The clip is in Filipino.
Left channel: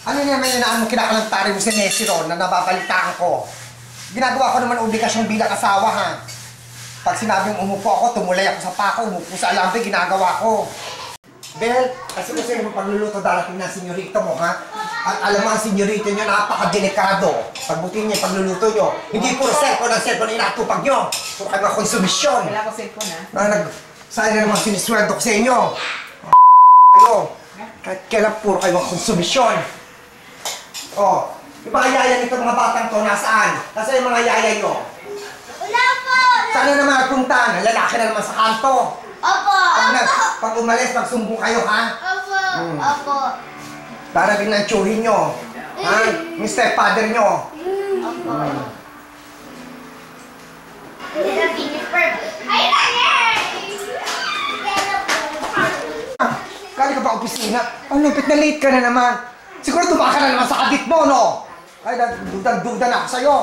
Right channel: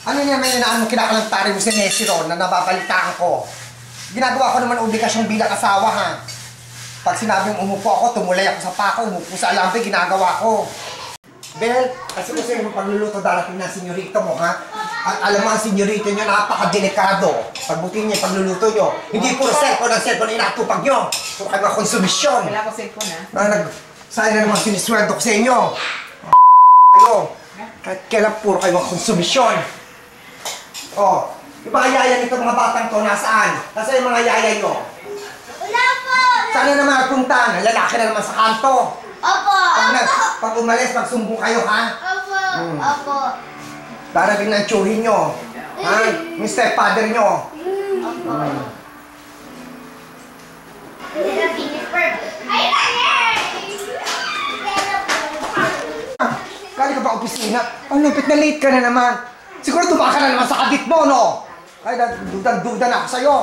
Ano naman yun na kinakalantari mo si Nessie ron na nababalitaan ko? Ginagawa ko naman obligasyon bilang asawa, ha? Pag sinabing umupo ako, tumulay ako sa pako, umupo sa alambre, ginagawa ko. Bel, kasi yung pagluluto darating ng senyorito mo, ha? At alam mo ang senyorito nyo, napaka-delikado. Pagbutin niyo yung pagluluto nyo. Hindi puro cellphone ang cellphone na inatupag nyo. Puro kayo mga konsumisyon. Wala ko cellphone, ha? Sayang na naman sinisweldo ko sa inyo. Kayo. Kahit kailan puro kayo mga konsumisyon. Oh, yung mga yaya nito mga batang to, nasaan? Nasaan yung mga yaya nyo? Wala po! Saan na naman napunta? Lalaki na naman sa kanto. Opo! Pag umalis, magsumbong kayo, ha? Opo! Opo! Darating ng tsuhin nyo. Ha? Yung stepfather nyo. Opo! Kali ka pa opisina? Ang lupit na late ka na naman. Siguro dumaka na naman sa kadit mo, no? Ay, dudan-dudan ako sa'yo.